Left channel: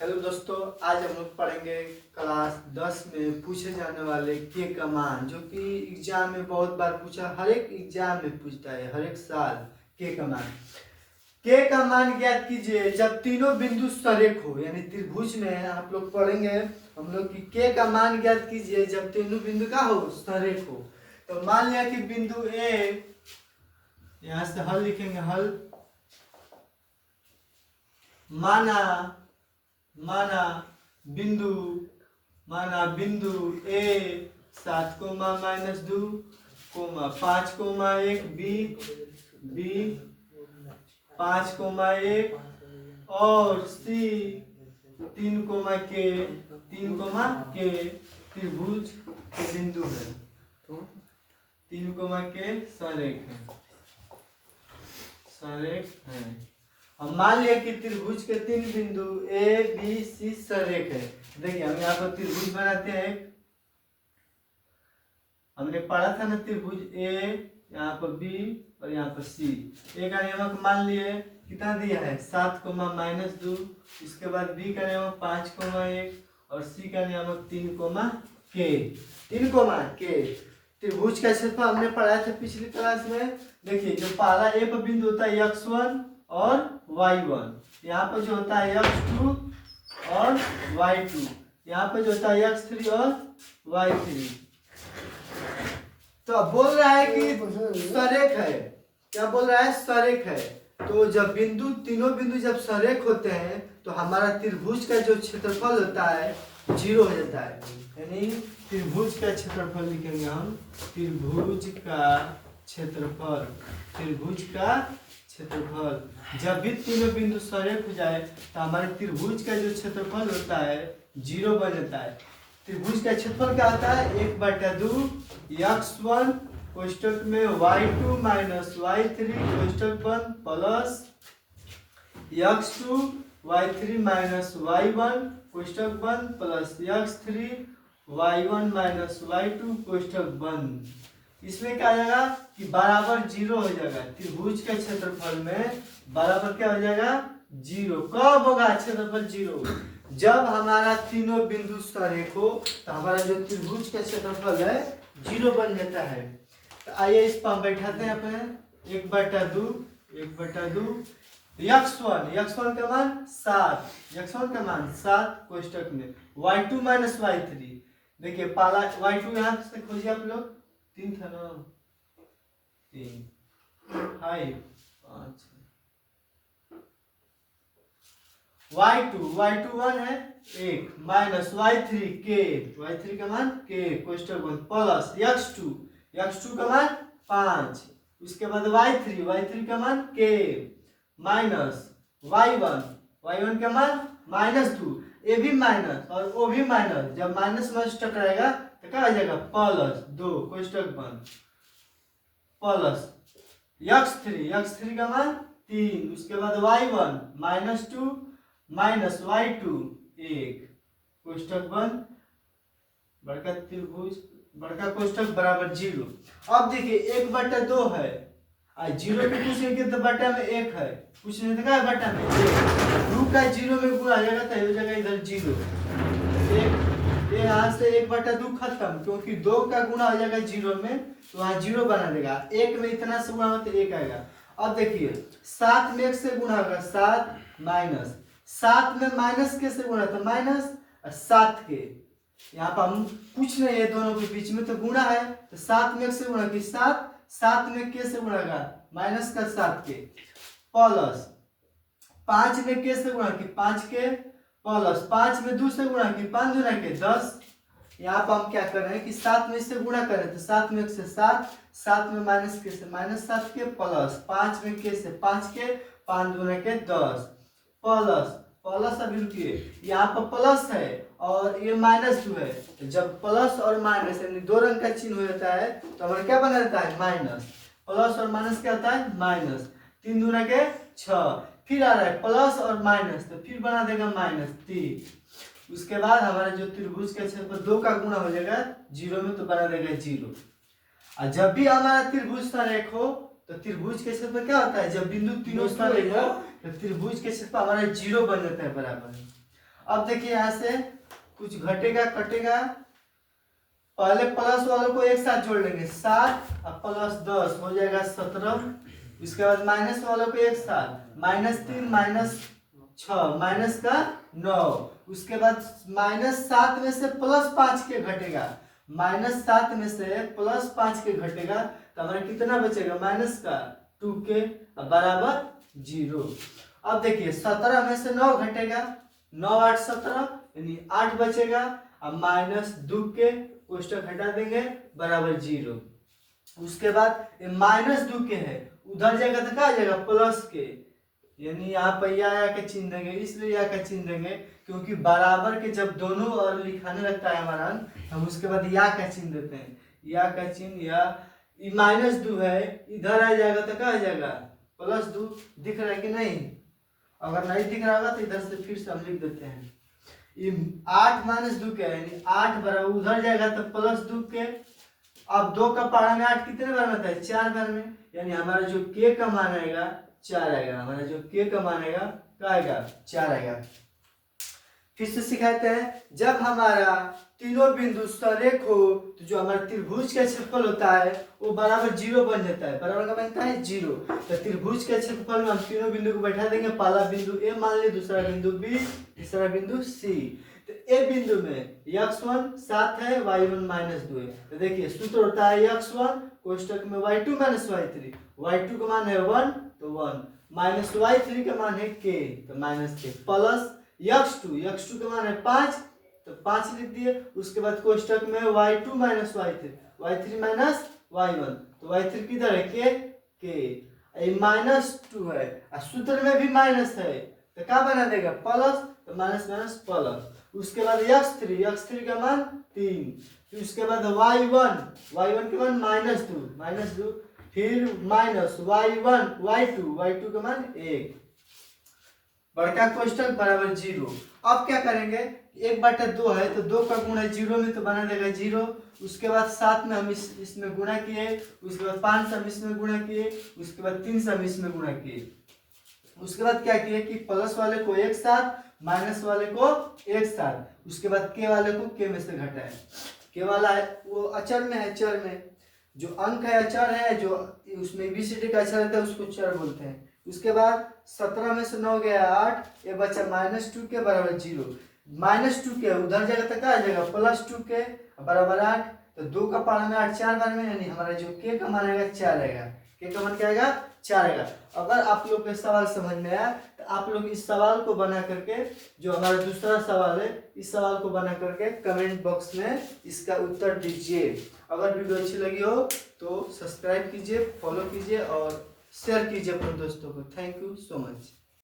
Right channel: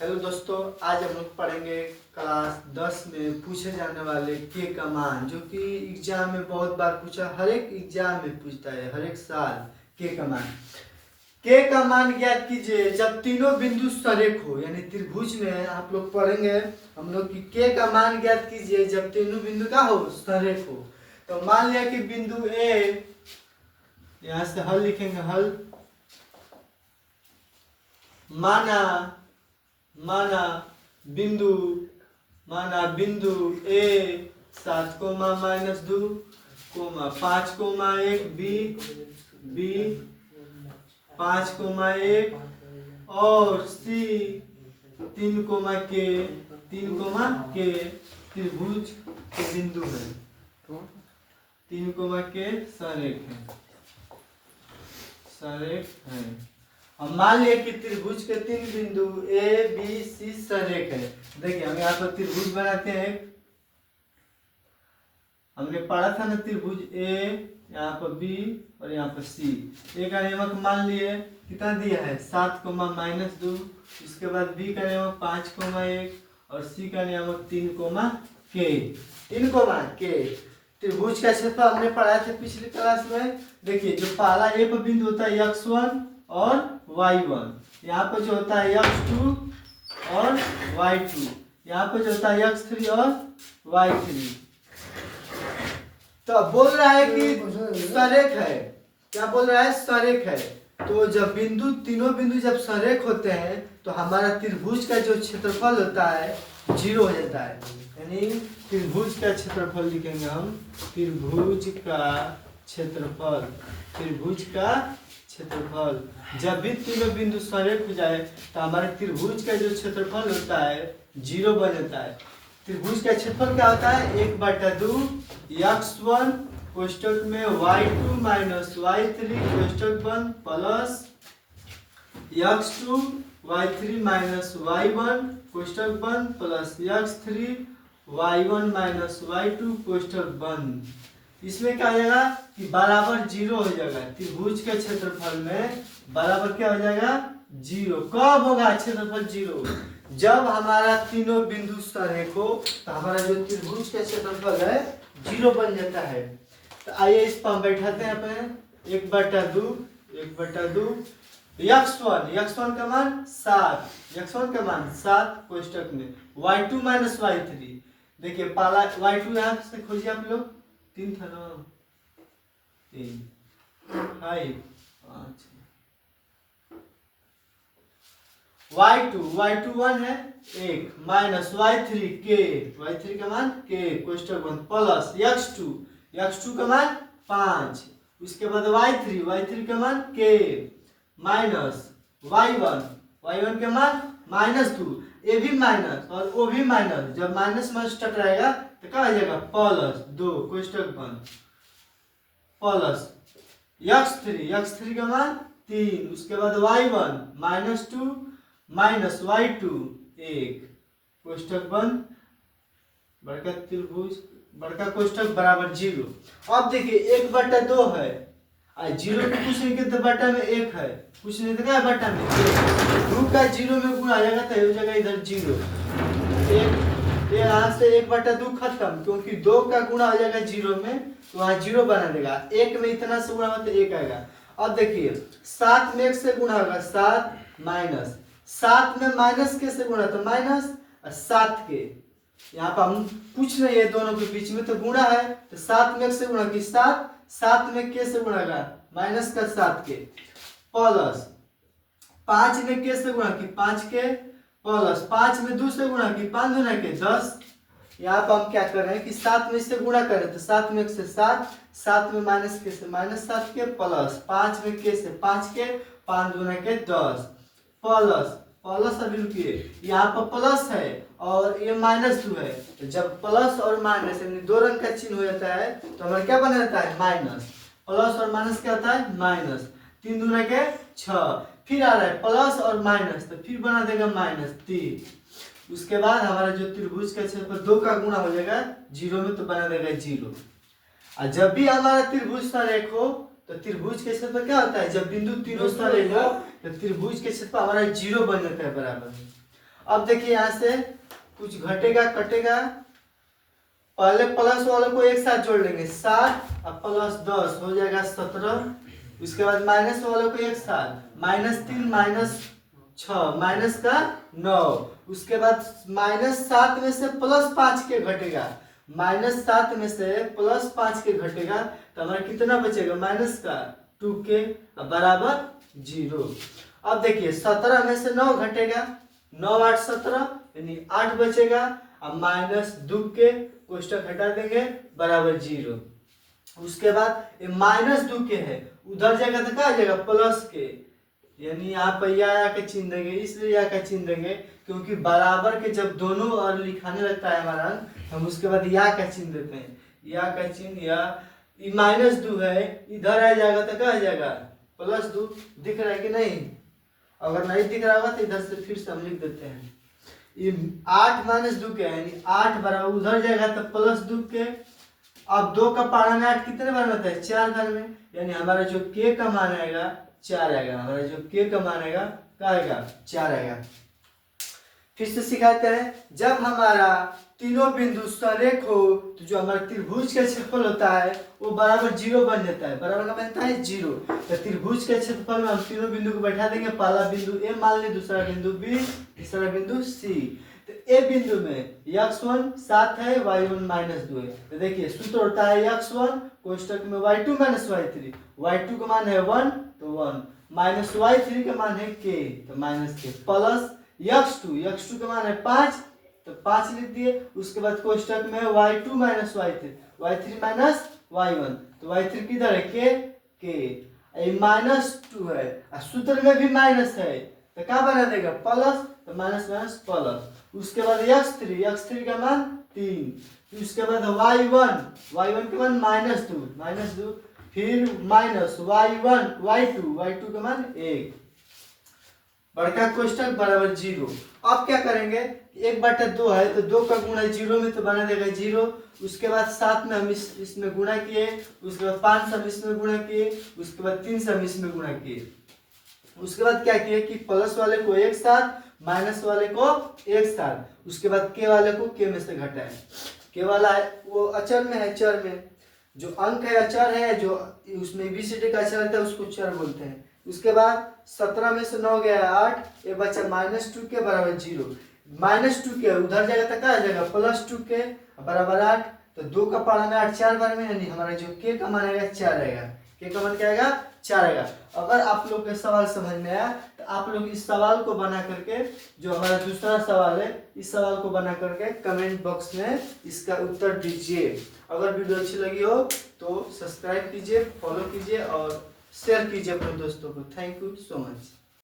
Hello दोस्तों, आज हम लोग पढ़ेंगे क्लास 10 में पूछे जाने वाले के का मान, जो कि एग्जाम में बहुत बार पूछा, हर एक एग्जाम में पूछता है, हर एक साल। के का मान, के का मान ज्ञात कीजिए जब तीनों बिंदु सरेख हो, यानी त्रिभुज में आप लोग पढ़ेंगे हम लोग की के का मान ज्ञात कीजिए जब तीनों बिंदु का हो, सरेख हो। तो मान लिया कि बिंदु ए, यहाँ से हल लिखेंगे, हल माना माना बिंदु माना बिंदु ए 7, -2, 5, 1 बी 5, 1 और सी 3, के त्रिभुज के बिंदु है। 3, के सरेख है। हम मान लिया कि त्रिभुज के 3 बिंदु ए बी सी सरेख है। देखिए हम यहाँ पर त्रिभुज बनाते हैं। हमने पढ़ा था ना, त्रिभुज ए, यहाँ पर बी और यहाँ पर सी। ए का नियमक मान लिए, कितना दिया है 7, -2। इसके बाद बी का नियमक 5, 1 और सी का नियमक 3, के। त्रिभुज का क्षेत्रफल हमने पढ़ाया था पिछली क्लास में। देखिए जो पहला ए पर बिंदु होता है x1 और y1, यहाँ पर जो होता है x2 और y2, यहाँ पर जो होता है x3 और y3। तो अब बोल रहा है कि सरेख है। क्या बोल रहा है? सरेख है। तो जब तीनों बिंदु जब सरेख होते हैं तो हमारा त्रिभुज का जो क्षेत्रफल होता है 0 हो जाता है। यानी त्रिभुज का क्षेत्रफल लिखेंगे हम, त्रिभुज का क्षेत्रफल जब भी तीनों बिंदु सरेख हो जाए तो हमारे त्रिभुज का जो क्षेत्रफल होता है 0 बन जाता है। त्रिभुज का क्षेत्रफल क्या होता है? 1/2 x1 कोष्टक में y2 - y3 कोष्टक बंद प्लस x2 y3 - y1 कोष्टक बंद प्लस x3 y1 - y2 कोष्टक बंद। इसमें क्या हो जाएगा कि बराबर 0 हो जाएगा। त्रिभुज के क्षेत्रफल में बराबर क्या हो जाएगा? 0। कब होगा क्षेत्रफल 0? जब हमारा तीनों बिंदु सरेख हो तो हमारा जो त्रिभुज का क्षेत्रफल है 0 बन जाता है। तो आइए इस पर हम बैठाते हैं अपने 1/2 x1 का मान 7 कोष्टक में y2 - y3। देखिए पहला y2 यहाँ से खोजिए आप लोग, 3 था ना, 3 5 5 y2 1 है 1 माइनस y3 का मान k कोष्टक बंद प्लस x2 का मान 5, उसके बाद y3 का मान k माइनस y1 का मान -2, ये भी माइनस और वो भी माइनस। जब माइनस टकराएगा तो क्या हो जाएगा? +2 कोष्टक बंद प्लस x3 का मान 3, उसके बाद y1 -2 माइनस y2 1 कोष्टक बंद बड़का त्रिभुज बड़का कोष्टक बराबर 0। अब देखिए 1/2 है, 0 में कुछ नहीं तो बटा में 1 है, कुछ नहीं तो क्या है बटा में 1। 2 का 0 में गुणा आ जाएगा तो हो जाएगा इधर 0। यहाँ से 1/2 खत्म, क्योंकि 2 का गुणा हो जाएगा 0 में तो वहाँ 0 बना देगा। 1 में इतना से गुणा होगा तो 1 आएगा। अब देखिए 7 में 1 से गुणा होगा 7 में माइनस के से गुणा तो माइनस 7 के। यहाँ पर हम कुछ नहीं है, दोनों के बीच में तो गुणा है, तो 7 में 1 से गुणा की 7 में के से गुणा का माइनस का 7 के प्लस 5 में के से गुणा की 5 के प्लस 5 में 2 से गुणा की 5 दूना के 10। यहाँ पर हम क्या कर रहे हैं कि 7 में इससे गुणा करें तो 7 में 1 से 7 में माइनस के से -7 के प्लस 5 में के से 5 के 5 दूना के 10 प्लस अभी रुकिए, यहाँ पर प्लस है और ये -2 है। तो जब प्लस और माइनस यानी 2 रंग का चिन्ह हो जाता है तो हमारा क्या बना रहता है? माइनस। प्लस और माइनस क्या होता है? माइनस। 3 दूना के 6, फिर आ रहा है प्लस और माइनस तो फिर बना देगा -3। उसके बाद हमारा जो त्रिभुज का क्षेत्रफल 2 का गुणा हो जाएगा 0 में तो बना देगा 0। और जब भी हमारा त्रिभुज सरेख हो तो त्रिभुज के क्षेत्रफल क्या होता है? जब बिंदु तीनों सरेख हो तो त्रिभुज के क्षेत्रफल हमारा 0 बन जाता है बराबर। अब देखिए यहाँ से कुछ घटेगा कटेगा, पहले प्लस वालों को एक साथ जोड़ लेंगे 7 और प्लस 10 हो जाएगा 17। उसके बाद माइनस वालों को एक साथ -3 -6 माइनस का 9। उसके बाद -7 में से +5 के घटेगा, -7 में से +5 के घटेगा तो हमारा कितना बचेगा माइनस का 2 के बराबर 0। अब देखिए 17 में से 9 घटेगा, 9 8 17 यानी 8 बचेगा। अब -2 के कोष्टक हटा देंगे बराबर 0। उसके बाद ये -2 के है, उधर जाएगा तो क्या आ जाएगा प्लस के, यानी यहाँ पर या का चिन्ह देंगे, इसलिए या का चिन्ह देंगे क्योंकि बराबर के जब दोनों और लिखाने लगता है हमारा हम उसके बाद या का चिन्ह देते हैं, या का चिन्ह या -2 है इधर आ जाएगा तो क्या आ जाएगा +2। दिख रहा है कि नहीं? अगर नहीं दिख रहा होगा तो इधर से फिर से हम लिख देते हैं। ये 8 -2 के यानी 8 बराबर उधर जाएगा तो +2 के। अब 2 का पारा में 8 कितने बार होता है 4 बार में, यानी हमारा जो के का मान आएगा 4 आएगा। हमारा जो के का मान आएगा क्या आएगा 4 आएगा। फिर से सिखाते हैं, जब हमारा तीनों बिंदु सरेख हो तो जो हमारा त्रिभुज का क्षेत्रफल होता है वो बराबर 0 बन जाता है। बराबर का बनता है 0। तो त्रिभुज के क्षेत्रफल में हम तीनों बिंदु को बैठा देंगे। पहला बिंदु ए मान ले, दूसरा बिंदु बी, तीसरा बिंदु सी। तो ए बिंदु में x1 7 है, y1 -2 है। तो देखिए सूत्र होता है x1 कोष्टक में y2 -y3, y2 का मान है 1 तो 1 माइनस y3 का मान है k तो -k प्लस x2 का मान है 5 तो 5 लिख दिए। उसके बाद कोष्टक में y2 -y3, y3 -y1 तो y3 किधर है k -2 है और सूत्र में भी माइनस है तो क्या बना देगा प्लस, तो माइनस माइनस प्लस। उसके बाद x3 का मान 3, उसके बाद y1 का मान -2 फिर माइनस y2 का मान 1 बड़का कोष्टक बराबर 0। अब क्या करेंगे 1/2 है तो 2 का गुणा 0 में तो बना देगा 0। उसके बाद 7 में हम इसमें गुणा किए, उसके बाद 5 से हम इसमें गुणा किए, उसके बाद 3 से हम इसमें गुणा किए। उसके बाद क्या किए कि प्लस वाले को एक साथ माइनस वाले को एक साथ, उसके बाद के वाले को के में से घटाए। के वाला है वो अचर में है, चर में जो अंक है अचर है, जो उसमें एबीसीडी का अचर रहता है उसको चर बोलते हैं। उसके बाद 17 में से 9 गया 8, ये बचा -2 के बराबर 0। -2 के उधर जाएगा तो क्या आ जाएगा +2 के बराबर 8। तो 2 का पारा में 8 4 बार में, यानी हमारा जो के का मान आएगा 4 आएगा। के का मान क्या आएगा 4 आएगा। अगर आप लोग के सवाल समझ में आया तो आप लोग इस सवाल को बना करके, जो हमारा दूसरा सवाल है इस सवाल को बना करके कमेंट बॉक्स में इसका उत्तर दीजिए। अगर वीडियो अच्छी लगी हो तो सब्सक्राइब कीजिए, फॉलो कीजिए और शेयर कीजिए अपने दोस्तों को। Thank you so much.